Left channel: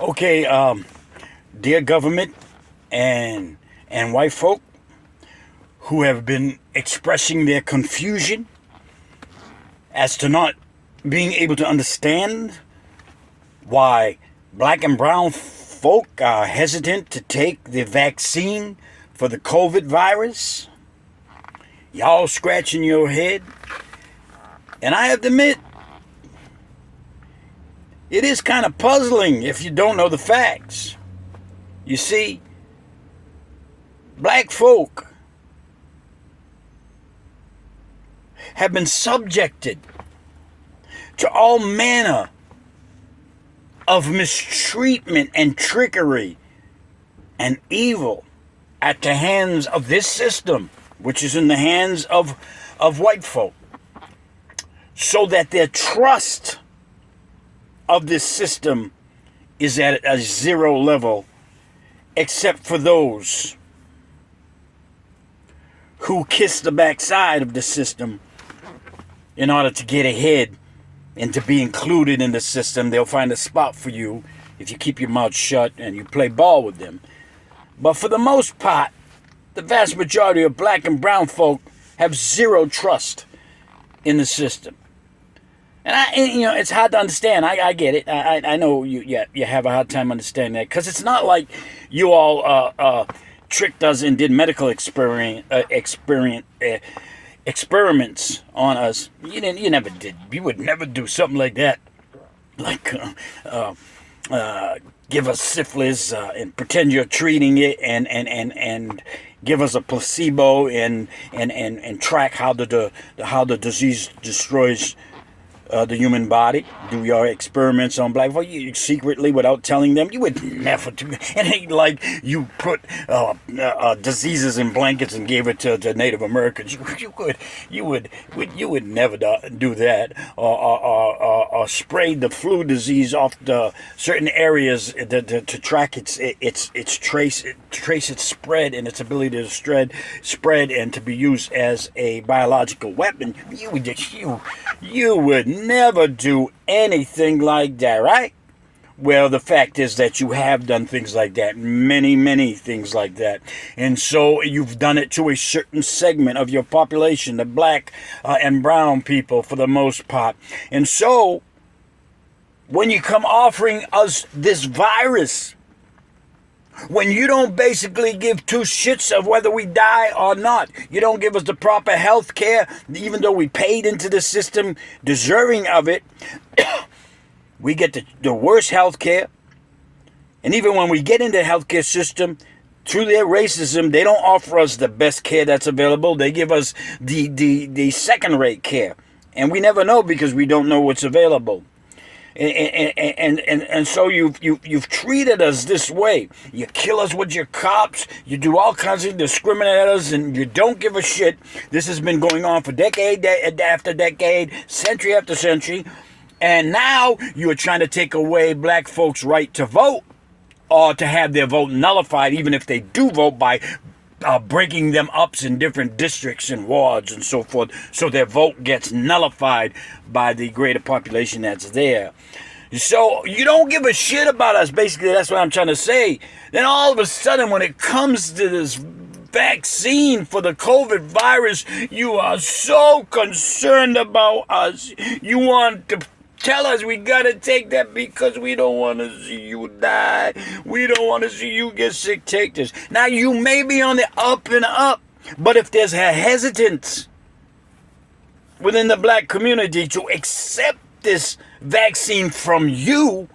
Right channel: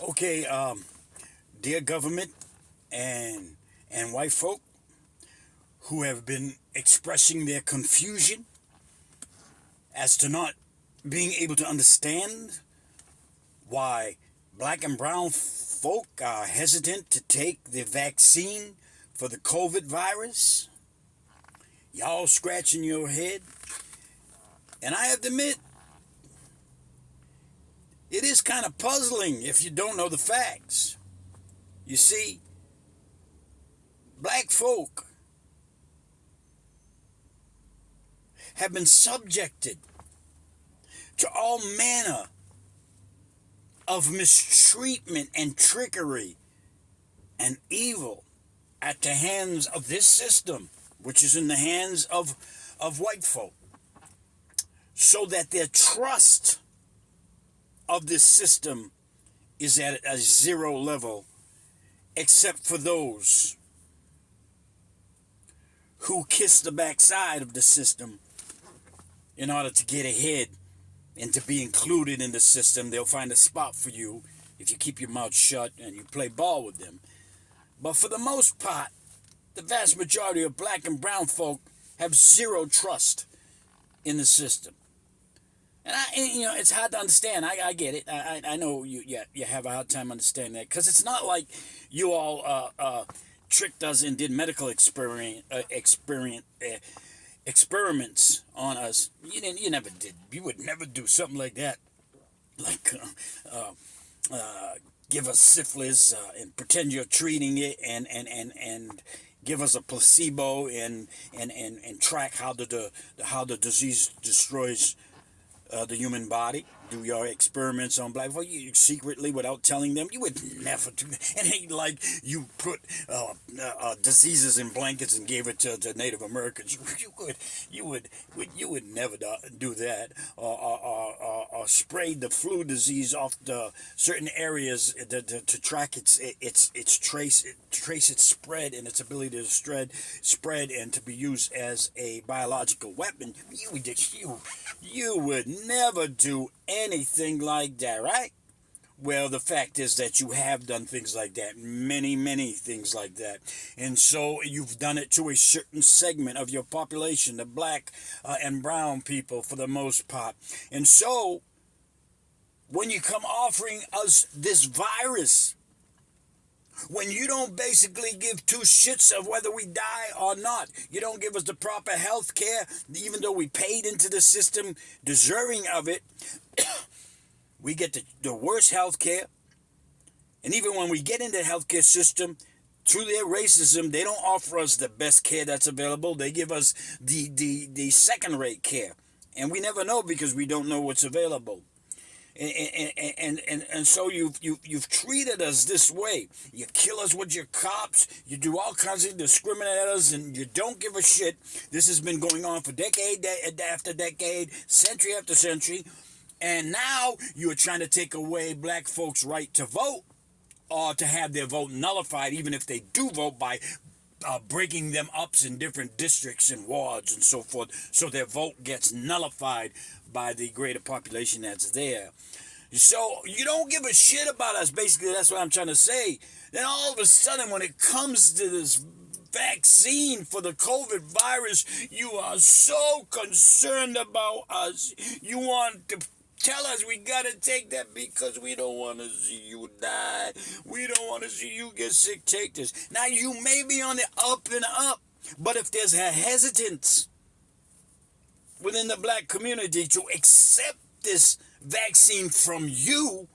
Okay, dear government and white folk who have been expressing their confusion as to not being able to understand why black and brown folk are hesitant to take the vaccine for the COVID virus. Y'all scratching your head. And I have to admit, it is kind of puzzling if you don't know the facts. You see, black folk have been subjected to all manner of mistreatment and trickery and evil at the hands of this system, which is in the hands of white folk, so that their trust of this system is at a zero level, except for those who kiss the backside of the system in order to get ahead and to be included in the system. They'll find a spot for you if you keep your mouth shut and you play ball with them. But for the most part, the vast majority of black and brown folk have zero trust in the system. And it's hard to understand. I get it. I know you have a hard time understanding that, because it's not like you all tricked us and did medical experiments on us. You never did. You would never do something like that. Like give us syphilis and pretend you're treating it and give us a placebo and track how the disease destroys the human body. Do your experiments on black folk secretly without telling them. You would never do that. It ain't like you put diseases in blankets and gave it to Native Americans. You would never do that, or spray the flu disease off the certain areas to track its trace its spread and its ability to spread and to be used as a biological weapon. You would never do anything like that, right? Well, the fact is that you have done things like that, many things like that. And so you've done it to a certain segment of your population, the black and brown people for the most part. And so when you come offering us this virus, when you don't basically give two shits of whether we die or not, you don't give us the proper health care, even though we paid into the system deserving of it, we get the worst health care. And even when we get into the healthcare system, through their racism, they don't offer us the best care that's available. They give us the second-rate care. And we never know because we don't know what's available. And so you've treated us this way. You kill us with your cops. You do all kinds of discriminate at us, and you don't give a shit. This has been going on for decade after decade, century after century, and now you are trying to take away black folks' right to vote, or to have their vote nullified, even if they do vote, by breaking them up in different districts and wards and so forth, so their vote gets nullified by the greater population that's there. So you don't give a shit about us, basically. That's what I'm trying to say. Then all of a sudden, when it comes to this vaccine for the COVID virus, you are so concerned about us. You want to tell us we gotta take that because we don't want to see you die. We don't want to see you get sick. Take this. Now, you may be on the up and up, but if there's a hesitance within the black community to accept this vaccine from you,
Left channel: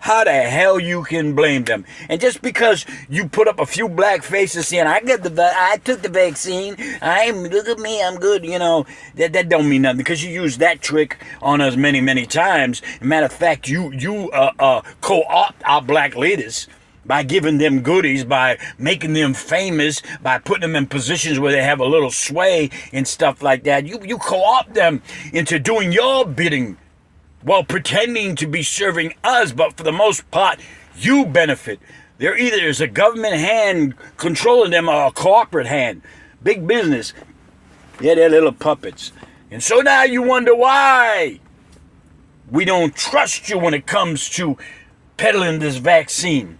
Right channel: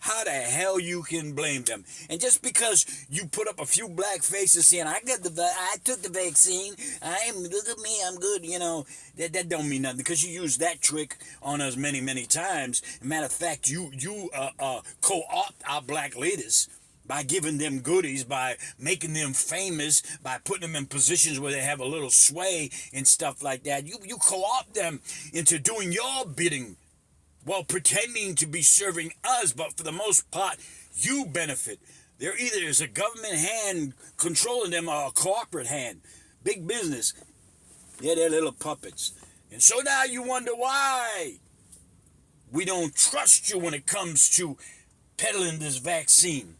how the hell you can blame them? And just because you put up a few black faces saying, I took the vaccine, look at me, I'm good, that don't mean nothing, because you use that trick on us many times. Matter of fact, you co-opt our black leaders by giving them goodies, by making them famous, by putting them in positions where they have a little sway and stuff like that. You co-opt them into doing your bidding while pretending to be serving us, but for the most part, you benefit. There either is a government hand controlling them or a corporate hand. Big business. Yeah, they're little puppets. And so now you wonder why we don't trust you when it comes to peddling this vaccine.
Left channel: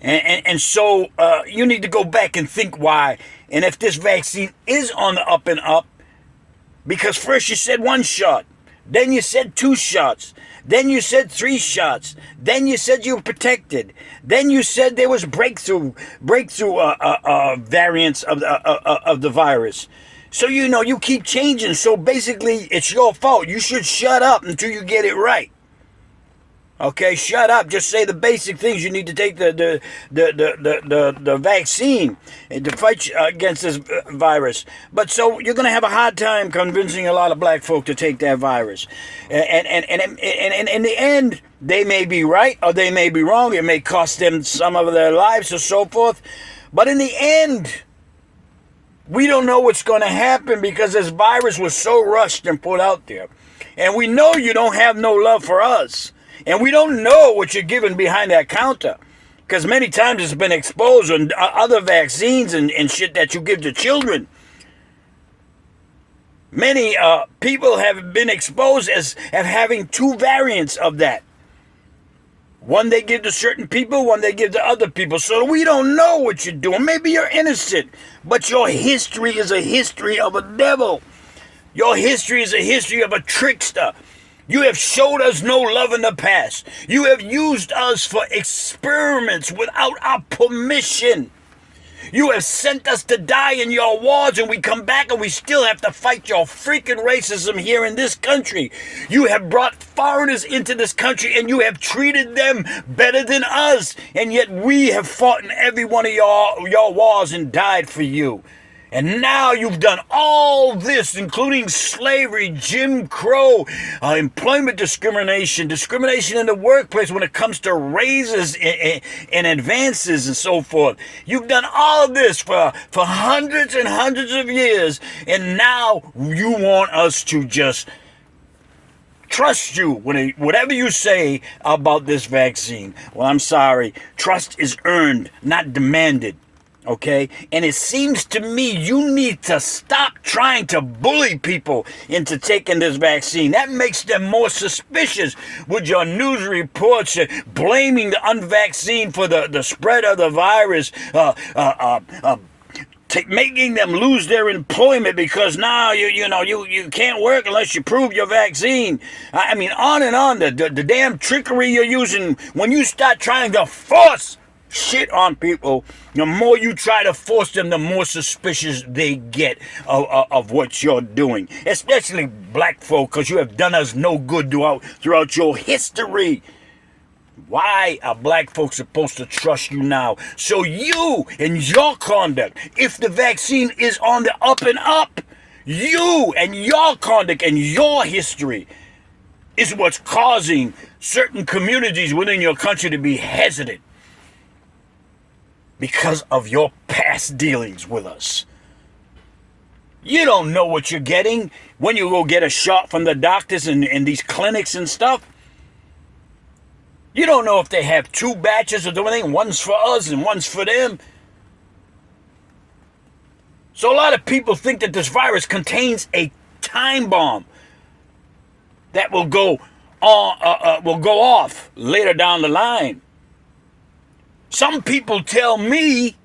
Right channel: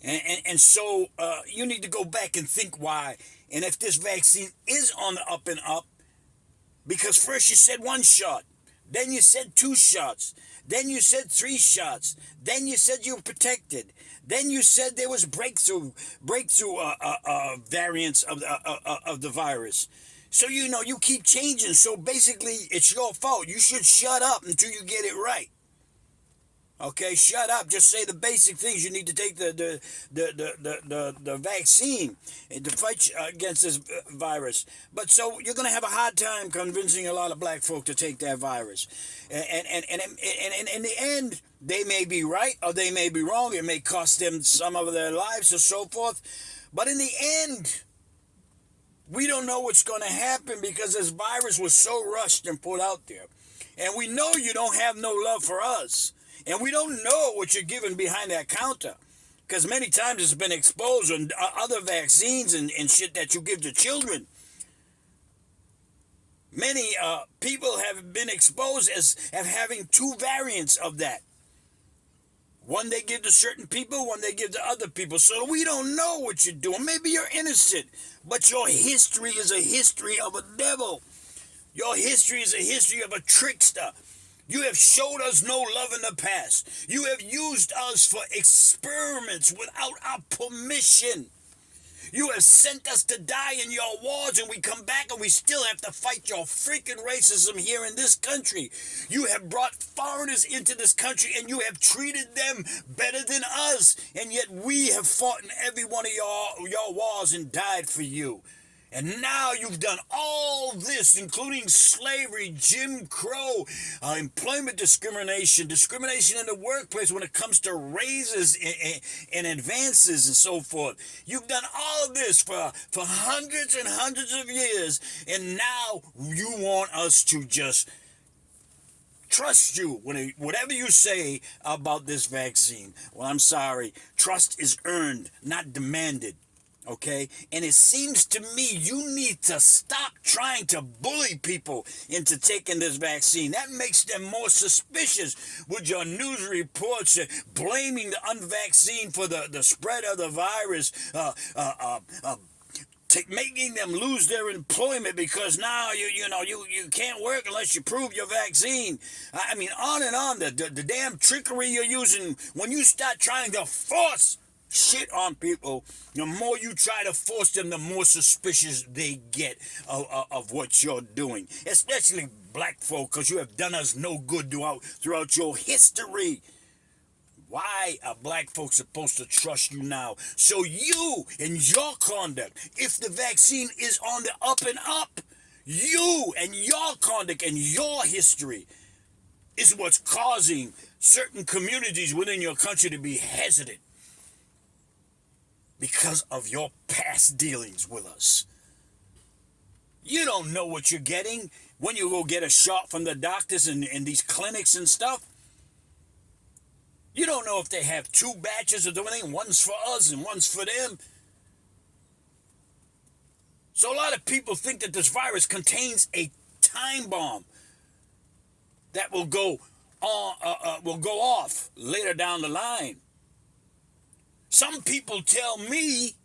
And so you need to go back and think why. And if this vaccine is on the up and up, because first you said 1 shot, then you said 2 shots, then you said 3 shots, then you said you were protected, then you said there was breakthrough variants of the virus. So you keep changing. So basically, it's your fault. You should shut up until you get it right. Okay, shut up. Just say the basic things. You need to take the vaccine to fight against this virus. But so you're going to have a hard time convincing a lot of black folk to take that virus. And in the end, they may be right or they may be wrong. It may cost them some of their lives or so forth. But in the end, we don't know what's going to happen because this virus was so rushed and put out there. And we know you don't have no love for us. And we don't know what you're giving behind that counter. Because many times it's been exposed on other vaccines and shit that you give to children. Many people have been exposed as having 2 variants of that. One they give to certain people, one they give to other people. So we don't know what you're doing. Maybe you're innocent, but your history is a history of a devil. Your history is a history of a trickster. You have showed us no love in the past. You have used us for experiments without our permission. You have sent us to die in your wars, and we come back and we still have to fight your freaking racism here in this country. You have brought foreigners into this country, and you have treated them better than us, and yet we have fought in every one of your wars and died for you. And now you've done all this, including slavery, Jim Crow, employment discrimination, discrimination in the workplace when it comes to raises and advances and so forth. You've done all of this for hundreds and hundreds of years, and now you want us to just trust you whatever you say about this vaccine. Well, I'm sorry. Trust is earned, not demanded. Okay? And it seems to me you need to stop trying to bully people into taking this vaccine. That makes them more suspicious with your news reports blaming the unvaccinated for the spread of the virus, making them lose their employment because now you can't work unless you prove your vaccine. I mean, on and on. The damn trickery you're using when you start trying to force shit on people, the more you try to force them, the more suspicious they get of what you're doing. Especially black folk, because you have done us no good throughout your history. Why are black folks supposed to trust you now? So you and your conduct, if the vaccine is on the up and up, you and your conduct and your history is what's causing certain communities within your country to be hesitant. Because of your past dealings with us. You don't know what you're getting when you go get a shot from the doctors in these clinics and stuff. You don't know if they have 2 batches or anything. One's for us and one's for them. So a lot of people think that this virus contains a time bomb that will go off later down the line. Some people tell me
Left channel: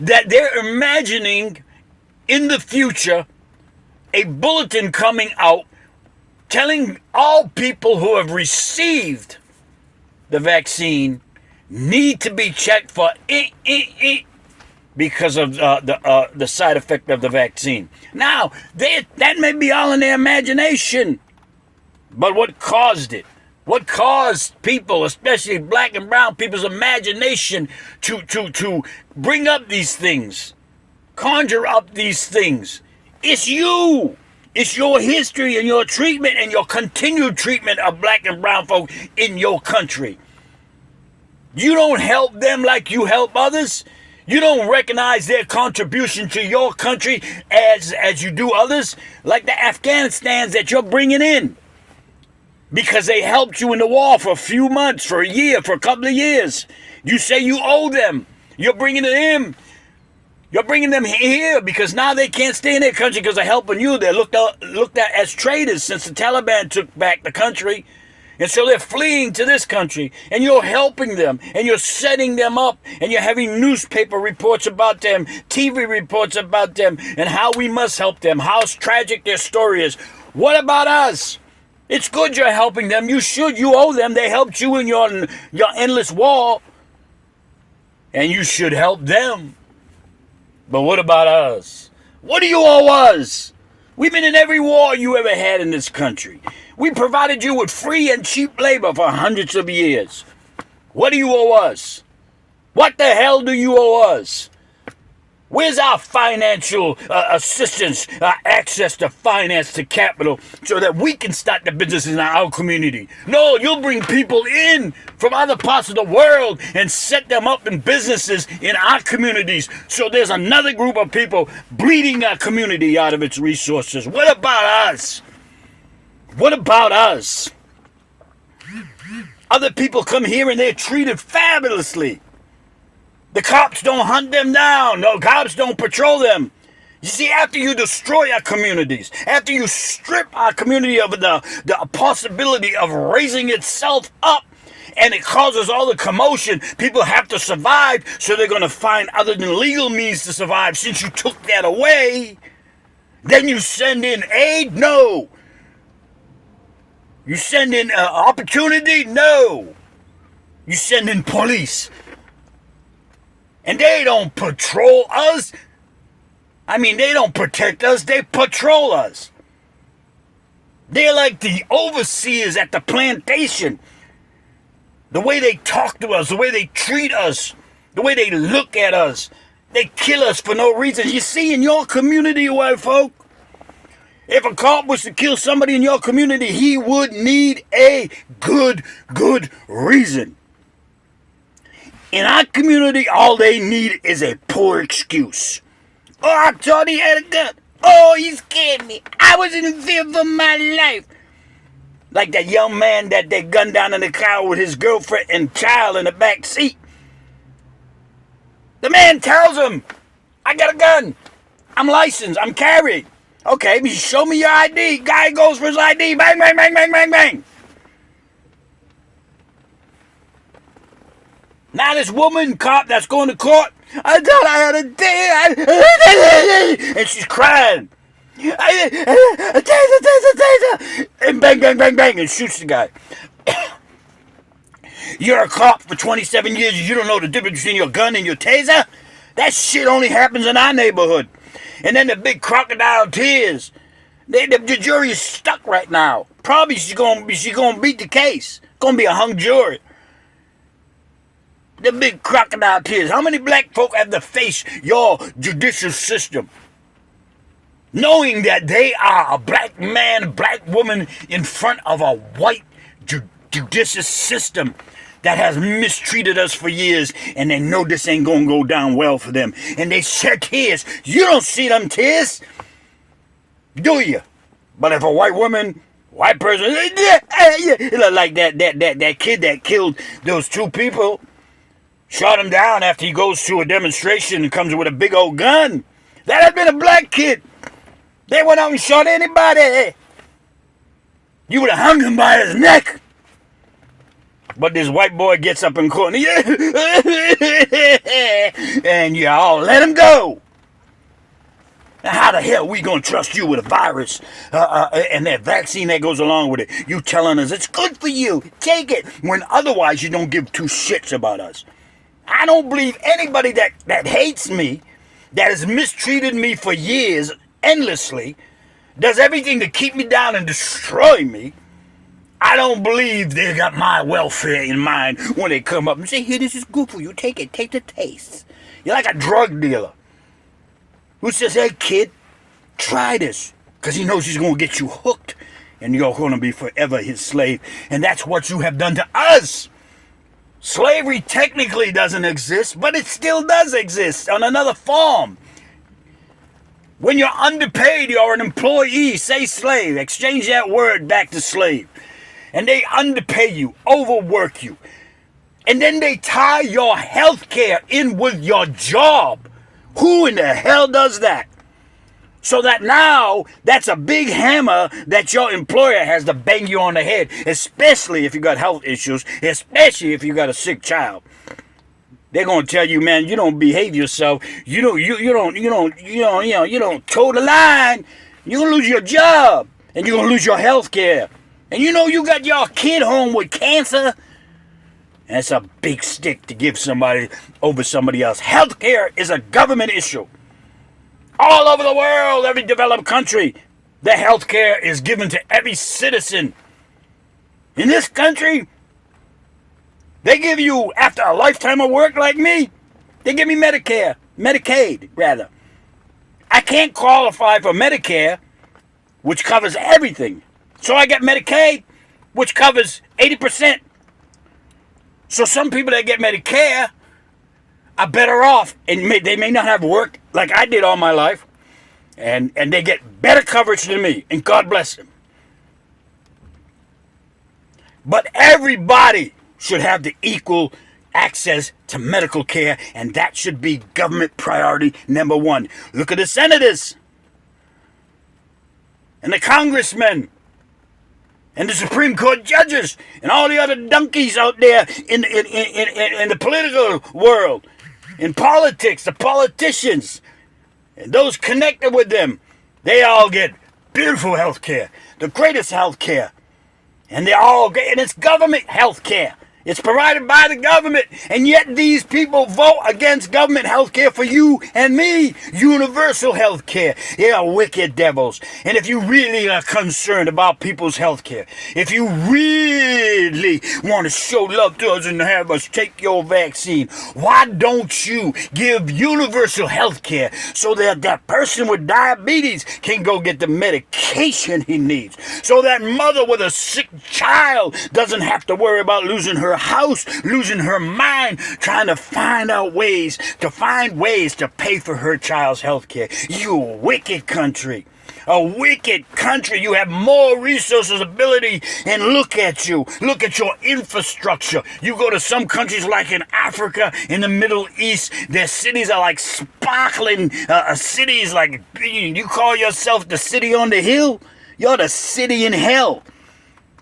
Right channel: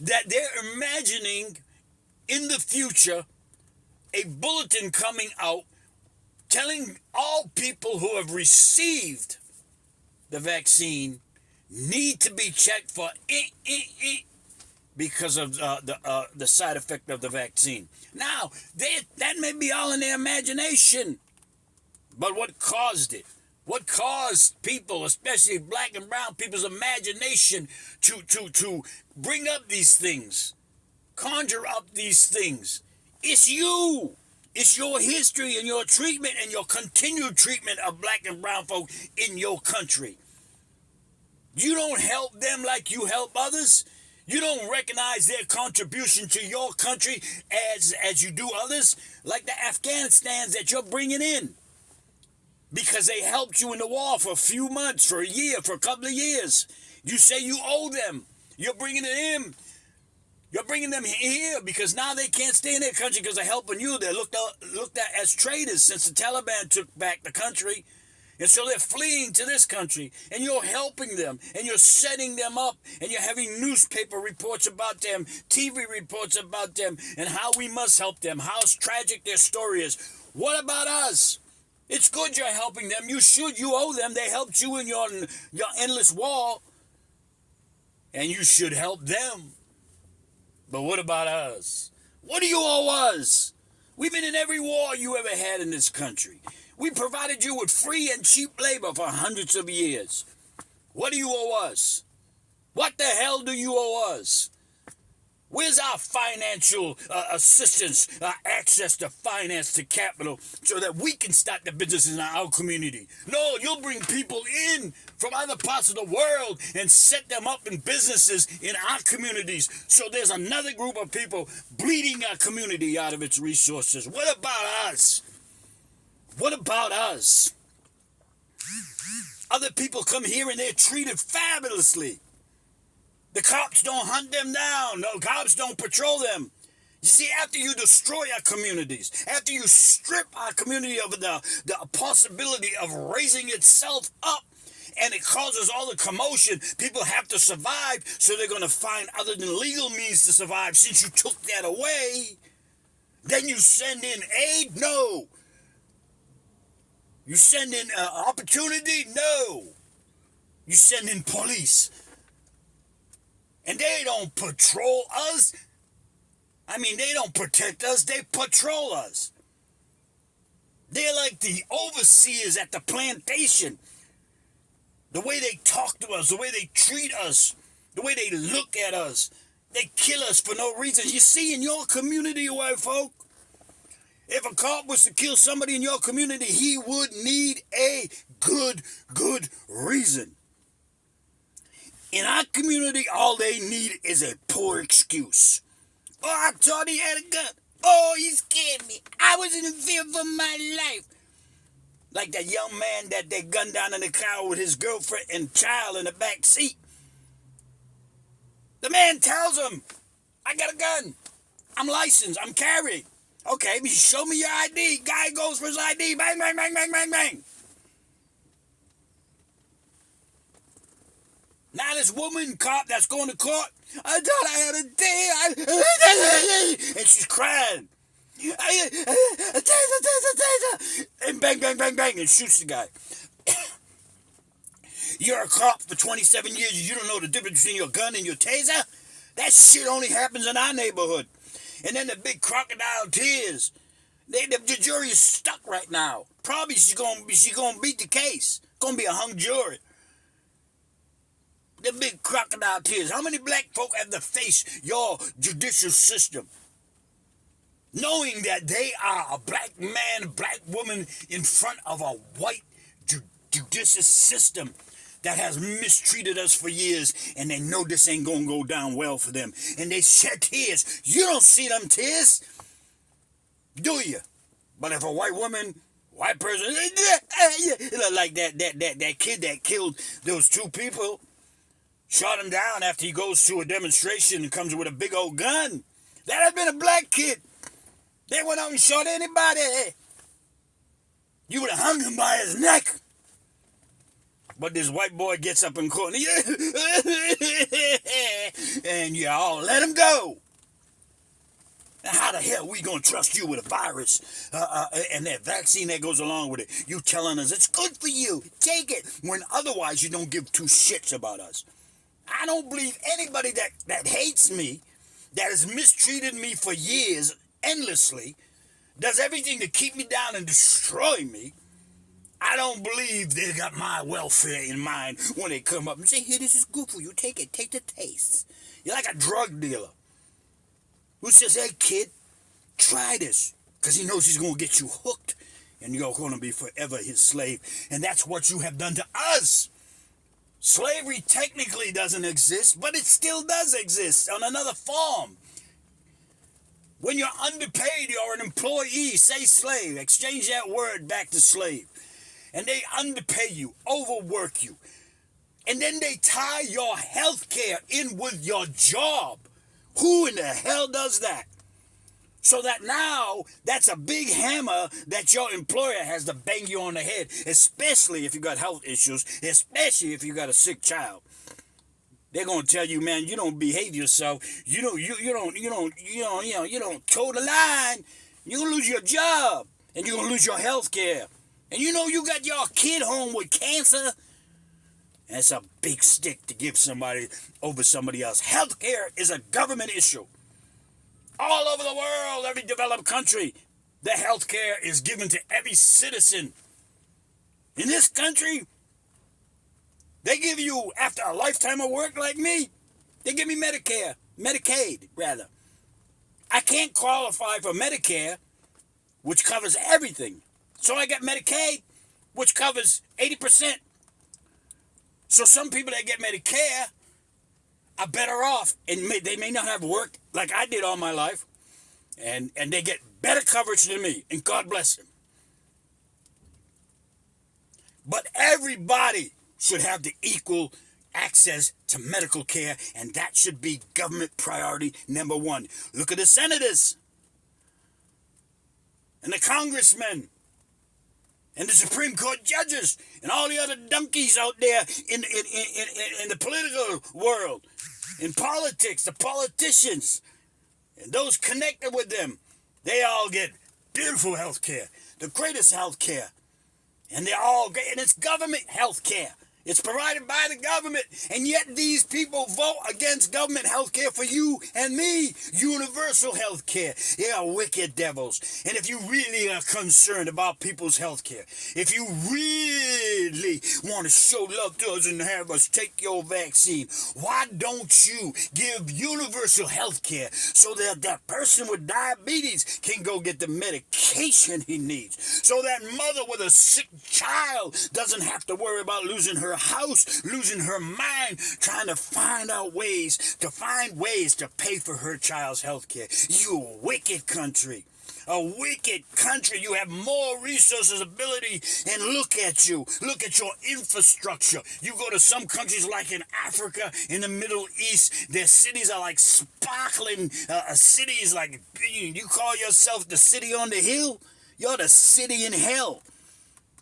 that they're imagining in the future a bulletin coming out telling all people who have received the vaccine need to be checked for because of the side effect of the vaccine. Now, that may be all in their imagination, but what caused it? What caused people, especially black and brown people's imagination to bring up these things, conjure up these things? It's you. It's your history and your treatment and your continued treatment of black and brown folk in your country. You don't help them like you help others. You don't recognize their contribution to your country as you do others, like the Afghanistans that you're bringing in. Because they helped you in the war for a few months, for a year, for a couple of years. You say you owe them. You're bringing it in. You're bringing them here because now they can't stay in their country because they're helping you. They're looked at as traitors since the Taliban took back the country. And so they're fleeing to this country, and you're helping them, and you're setting them up, and you're having newspaper reports about them, TV reports about them, and how we must help them, how tragic their story is. What about us? It's good you're helping them. You should. You owe them. They helped you in your endless war, and you should help them. But what about us? What do you owe us? We've been in every war you ever had in this country. We provided you with free and cheap labor for hundreds of years. What do you owe us? What the hell do you owe us? Where's our financial assistance, access to finance, to capital, so that we can start the business in our community? No, you'll bring people in from other parts of the world and set them up in businesses in our communities. So there's another group of people bleeding our community out of its resources. What about us? What about us? Other people come here and they're treated fabulously. The cops don't hunt them down. No, cops don't patrol them. You see, after you destroy our communities, after you strip our community of the possibility of raising itself up, and it causes all the commotion, people have to survive, so they're going to find other than legal means to survive. Since you took that away, then you send in aid? No. You send in opportunity? No. You send in police. And they don't patrol us. I mean, they don't protect us. They patrol us. They're like the overseers at the plantation. The way they talk to us, the way they treat us, the way they look at us. They kill us for no reason. You see, in your community, white folk, if a cop was to kill somebody in your community, he would need a good reason. In our community, all they need is a poor excuse. Oh, I thought he had a gun. Oh, he scared me. I was in fear for my life. Like that young man that they gunned down in the car with his girlfriend and child in the back seat. The man tells him, I got a gun. I'm licensed. I'm carried. Okay, show me your ID. Guy goes for his ID. Bang, bang, bang, bang, bang, bang. Now this woman cop that's going to court, I thought I had a day, and she's crying. And bang, bang, bang, bang, and shoots the guy. You're a cop for 27 years, you don't know the difference between your gun and your taser? That shit only happens in our neighborhood. And then the big crocodile tears. The jury is stuck right now. Probably she's gonna beat the case. Gonna be a hung jury. The big crocodile tears. How many black folk have to face your judicial system? Knowing that they are a black man, black woman in front of a white judicial system that has mistreated us for years, and they know this ain't gonna go down well for them. And they shed tears. You don't see them tears, do you? But if a white woman, white person, like that kid that killed those two people, shot him down after he goes to a demonstration and comes with a big old gun. That had been a black kid. They went out and shot anybody. You would have hung him by his neck. But this white boy gets up in court and y'all let him go. Now how the hell we gonna trust you with a virus and that vaccine that goes along with it? You telling us it's good for you, take it, when otherwise you don't give two shits about us. I don't believe anybody that hates me, that has mistreated me for years endlessly, does everything to keep me down and destroy me. I don't believe they got my welfare in mind when they come up and say, here, this is good for you. Take it. Take the taste. You're like a drug dealer who says, hey, kid, try this. Because he knows he's going to get you hooked and you're going to be forever his slave. And that's what you have done to us. Slavery technically doesn't exist, but it still does exist on another form. When you're underpaid, you're an employee. Say slave. Exchange that word back to slave. And they underpay you, overwork you. And then they tie your health care in with your job. Who in the hell does that? So that now, that's a big hammer that your employer has to bang you on the head, especially if you got health issues, especially if you got a sick child. They're gonna tell you, man, you don't behave yourself. You don't toe the line. You're gonna lose your job, and you're gonna lose your health care. And you got your kid home with cancer. And it's a big stick to give somebody over somebody else. Health care is a government issue. All over the world, every developed country, the health care is given to every citizen. In this country, they give you, after a lifetime of work like me, they give me Medicaid, rather. I can't qualify for Medicare, which covers everything. So I get Medicaid, which covers 80%. So some people that get Medicare are better off, and they may not have worked like I did all my life, and they get better coverage than me, and God bless them. But everybody should have the equal access to medical care, and that should be government priority number one. Look at the senators and the congressmen and the Supreme Court judges and all the other donkeys out there in the political world, in politics, the politicians, and those connected with them. They all get beautiful health care, the greatest health care. And they all get, and it's government health care. It's provided by the government, and yet these people vote against government health care for you and me. Universal health care. They are wicked devils. And if you really are concerned about people's health care, if you really want to show love to us and have us take your vaccine, why don't you give universal health care so that that person with diabetes can go get the medication he needs, so that mother with a sick child doesn't have to worry about losing her house, losing her mind, trying to find ways to pay for her child's health care. You wicked country. A wicked country. You have more resources, ability, and look at you. Look at your infrastructure. You go to some countries like in Africa, in the Middle East, their cities are like sparkling cities. Like, you call yourself the city on the hill? You're the city in hell.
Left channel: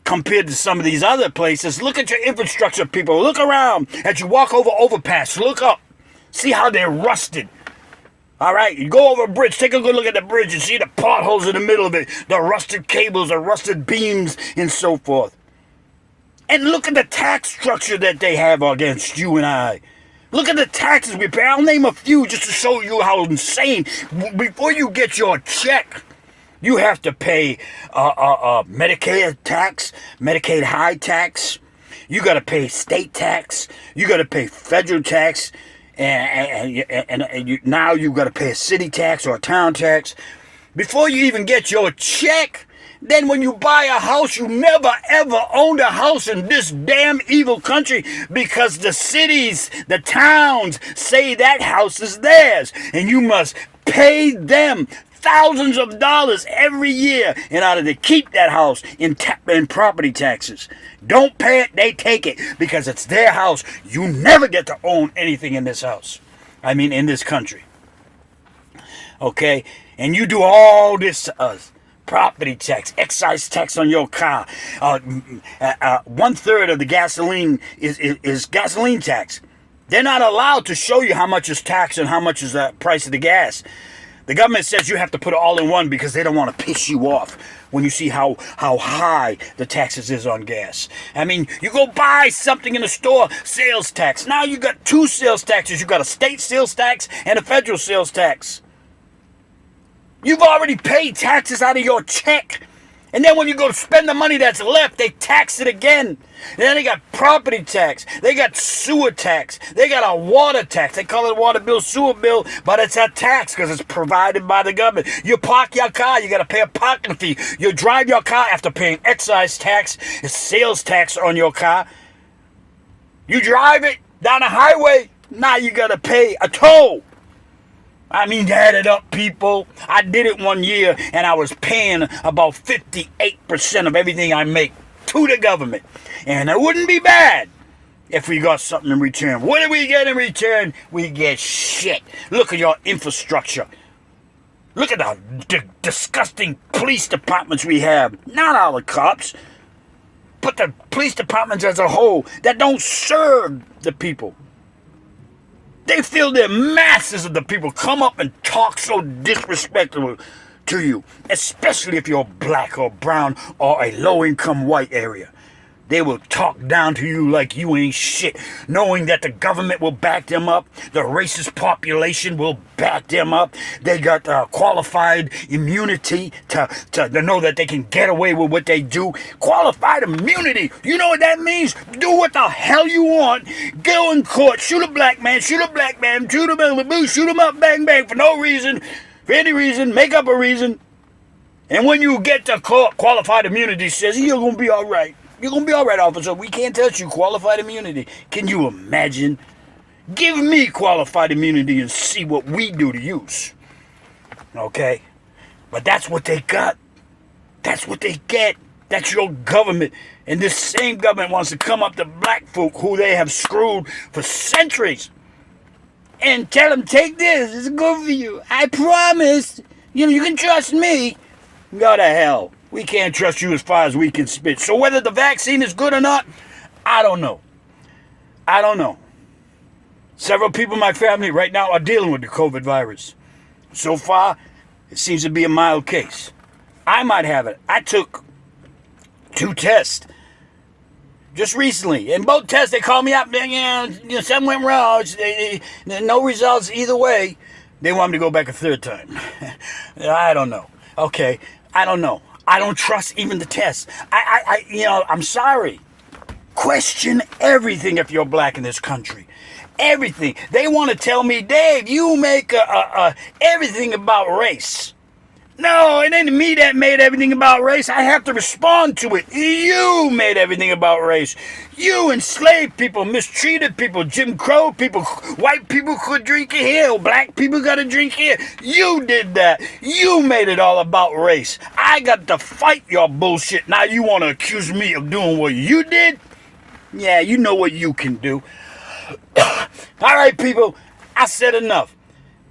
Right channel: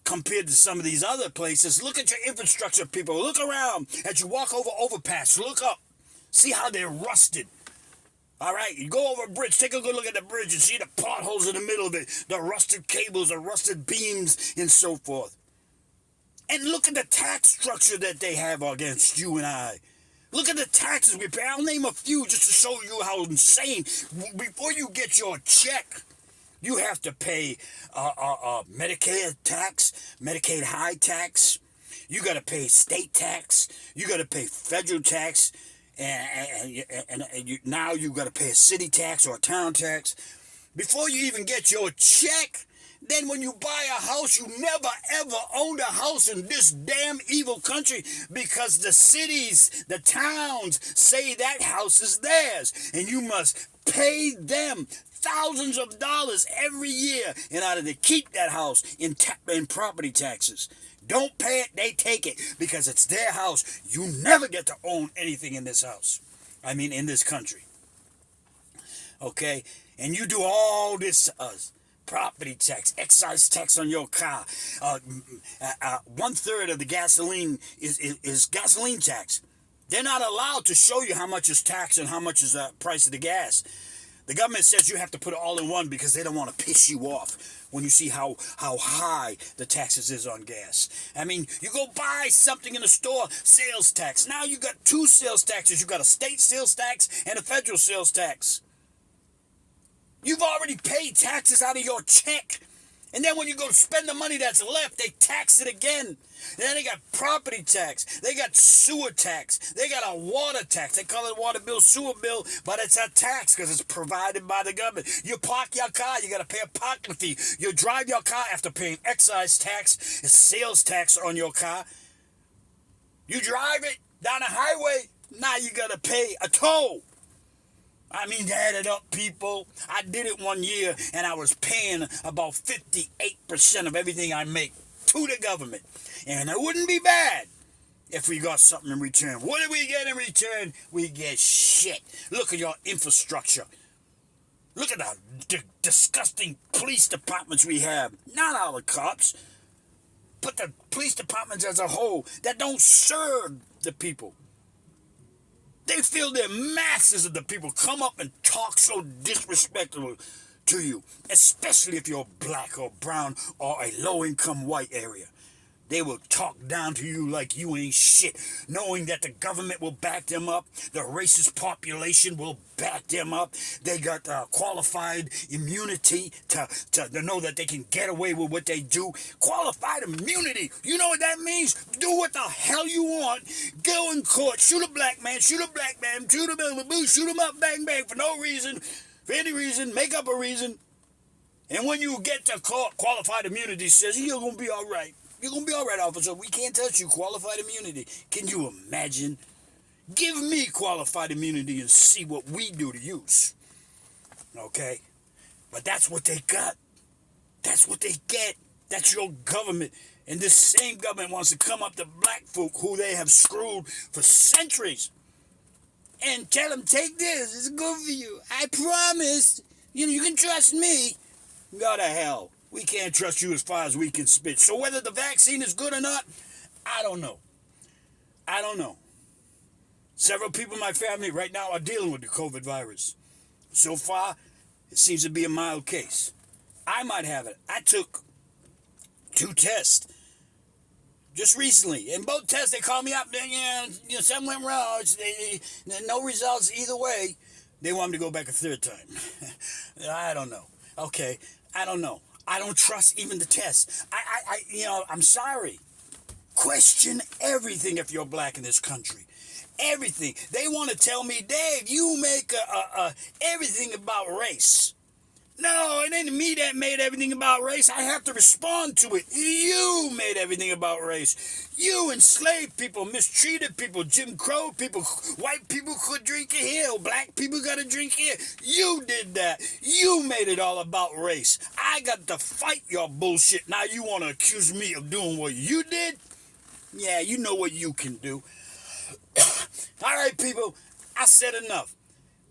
Compared to some of these other places. Look at your infrastructure, people. Look around as you walk over overpass. Look up. See how they're rusted. All right, you go over a bridge. Take a good look at the bridge and see the potholes in the middle of it, the rusted cables, the rusted beams, and so forth. And look at the tax structure that they have against you and I. Look at the taxes we pay. I'll name a few just to show you how insane. Before you get your check, you have to pay Medicare tax, Medicaid high tax. You got to pay state tax. You got to pay federal tax. And now you got to pay a city tax or a town tax. Before you even get your check, then when you buy a house, you never ever owned a house in this damn evil country because the cities, the towns say that house is theirs. And you must pay them thousands of dollars every year in order to keep that house in property taxes. Don't pay it, they take it because it's their house. You never get to own anything in this house. I mean, in this country. Okay? And you do all this to us. Property tax, excise tax on your car. 1/3 of the gasoline is gasoline tax. They're not allowed to show you how much is tax and how much is the price of the gas. The government says you have to put it all in one because they don't want to piss you off when you see how high the taxes is on gas. I mean, you go buy something in the store, sales tax. Now you got two sales taxes. You got a state sales tax and a federal sales tax. You've already paid taxes out of your check. And then when you go to spend the money that's left, they tax it again. And then they got property tax. They got sewer tax. They got a water tax. They call it water bill, sewer bill, but it's a tax because it's provided by the government. You park your car, you got to pay a parking fee. You drive your car after paying excise tax, sales tax on your car. You drive it down the highway, now you got to pay a toll. I mean, add it up, people. I did it one year, and I was paying about 58% of everything I make to the government. And it wouldn't be bad if we got something in return. What do we get in return? We get shit. Look at your infrastructure. Look at the disgusting police departments we have. Not all the cops, but the police departments as a whole that don't serve the people. They feel their masses of the people come up and talk so disrespectful to you, especially if you're black or brown or a low-income white area. They will talk down to you like you ain't shit, knowing that the government will back them up, the racist population will back them up. They got qualified immunity to know that they can get away with what they do. Qualified immunity, you know what that means? Do what the hell you want. Go in court, shoot a black man, shoot a black man, shoot him up, bang, bang, for no reason, for any reason, make up a reason. And when you get to court, qualified immunity says, you're going to be all right. You're going to be all right, officer. We can't touch you. Qualified immunity. Can you imagine? Give me qualified immunity and see what we do to use. Okay? But that's what they got. That's what they get. That's your government. And this same government wants to come up to black folk who they have screwed for centuries and tell them, take this. It's good for you. I promise. You can trust me. Go to hell. We can't trust you as far as we can spit. So whether the vaccine is good or not, I don't know. I don't know. Several people in my family right now are dealing with the COVID virus. So far, it seems to be a mild case. I might have it. I took 2 tests just recently. In both tests, they called me up. Something went wrong. No results either way. They want me to go back a 3rd time. I don't know. Okay, I don't know. I don't trust even the tests. I'm sorry. Question everything if you're black in this country. Everything. They want to tell me, Dave, you make everything about race. No, it ain't me that made everything about race. I have to respond to it. You made everything about race. You enslaved people, mistreated people, Jim Crow people, white people could drink here, black people got to drink here. You did that. You made it all about race. I got to fight your bullshit. Now you want to accuse me of doing what you did? Yeah, you know what you can do. All right, people, I said enough.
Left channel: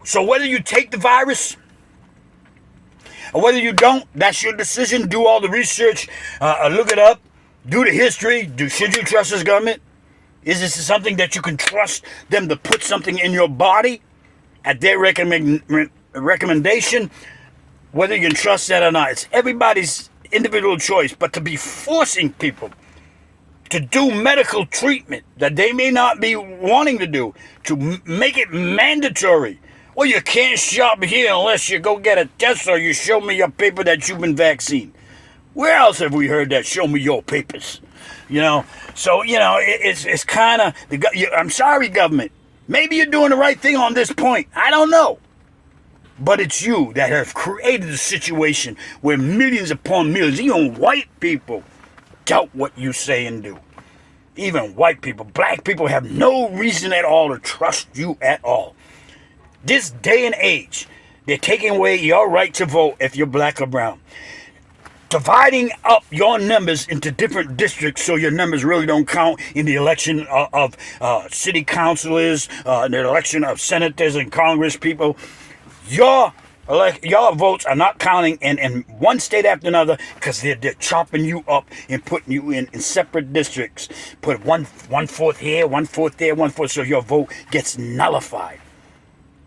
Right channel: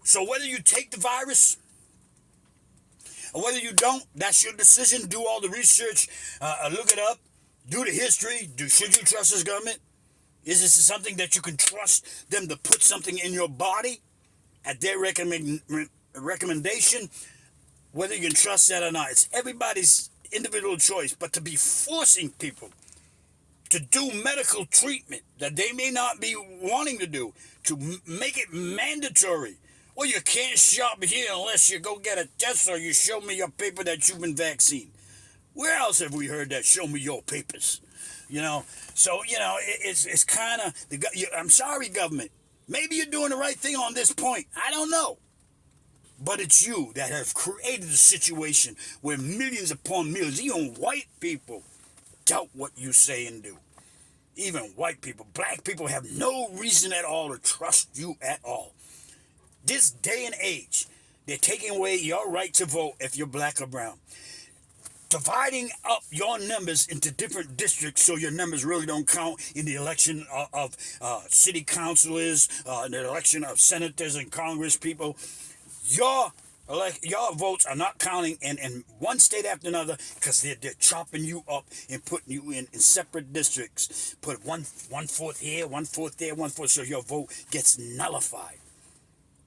So whether you take the virus or whether you don't, that's your decision. Do all the research, look it up, do the history. Should you trust this government? Is this something that you can trust them to put something in your body at their recommendation? Whether you can trust that or not, it's everybody's individual choice. But to be forcing people to do medical treatment that they may not be wanting to do, to make it mandatory. Well, you can't shop here unless you go get a test or you show me your paper that you've been vaccinated. Where else have we heard that? Show me your papers. So, it's kind of, I'm sorry, government. Maybe you're doing the right thing on this point. I don't know. But it's you that have created a situation where millions upon millions, even white people, doubt what you say and do. Even white people, black people have no reason at all to trust you at all. This day and age, they're taking away your right to vote if you're black or brown. Dividing up your numbers into different districts so your numbers really don't count in the election of city councilors, the election of senators and congress people. Your votes are not counting in one state after another because they're chopping you up and putting you in separate districts. Put one fourth here, 1/4 there, 1/4, so your vote gets nullified.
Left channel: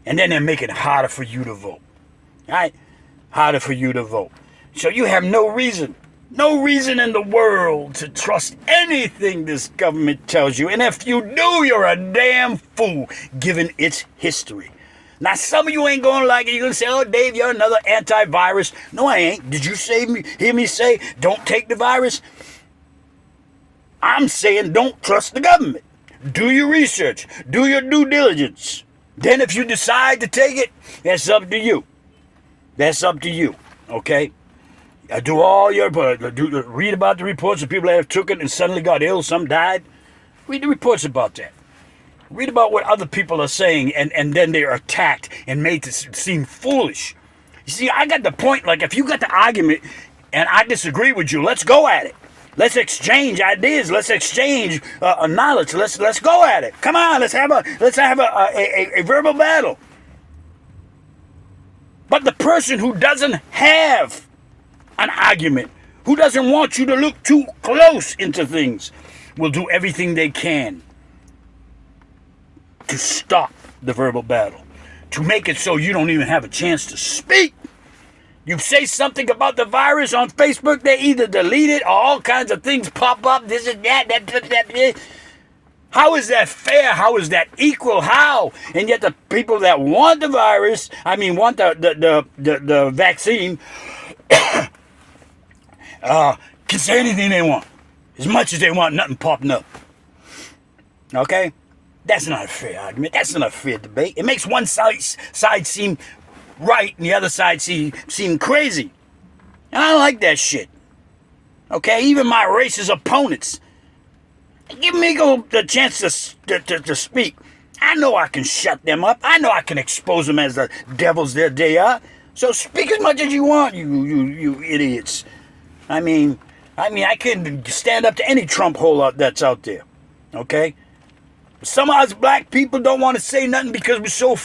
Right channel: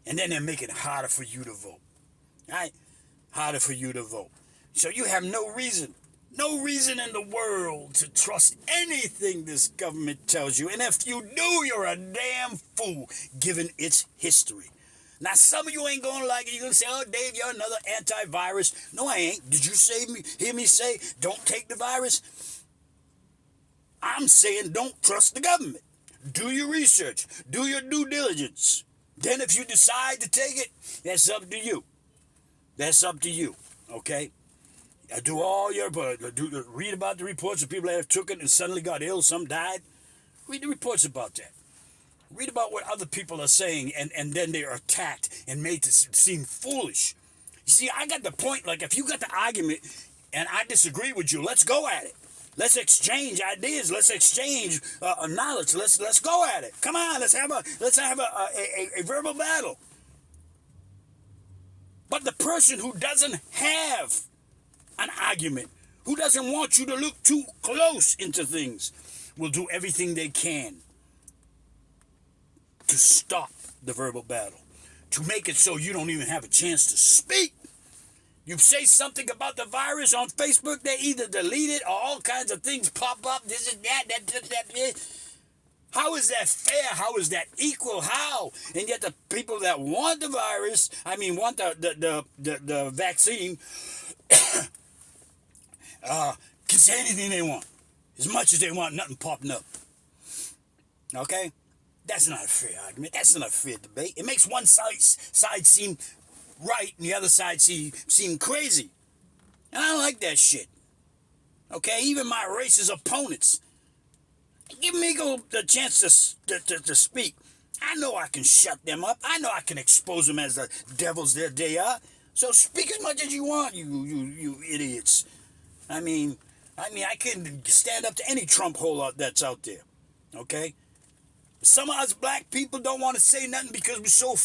And then they're making it harder for you to vote. All right? Harder for you to vote. So you have no reason in the world to trust anything this government tells you. And if you do, you're a damn fool given its history. Now, some of you ain't going to like it. You're going to say, oh, Dave, you're another antivirus. No, I ain't. Did you hear me say, don't take the virus? I'm saying don't trust the government. Do your research. Do your due diligence. Then if you decide to take it, that's up to you. That's up to you, okay? Do all your, read about the reports of people that have took it and suddenly got ill, some died. Read the reports about that. Read about what other people are saying, and then they're attacked and made to seem foolish. You see, I got the point, like if you got the argument and I disagree with you, let's go at it. Let's exchange ideas. Let's exchange knowledge. Let's go at it. Come on, let's have a verbal battle. But the person who doesn't have an argument, who doesn't want you to look too close into things, will do everything they can to stop the verbal battle, to make it so you don't even have a chance to speak. You say something about the virus on Facebook, they either delete it or all kinds of things pop up, this and that. How is that fair? How is that equal? How? And yet the people that want the virus, want the vaccine, can say anything they want. As much as they want, nothing popping up. Okay? That's not a fair argument. That's not a fair debate. It makes one side seem right and the other side seem crazy. And I don't like that shit. Okay? Even my racist opponents, give me the chance to speak. I know I can shut them up. I know I can expose them as the devils that they are. So speak as much as you want, you idiots. I can stand up to any Trump hole that's out there. Okay? Some of us black people don't want to say nothing because we're so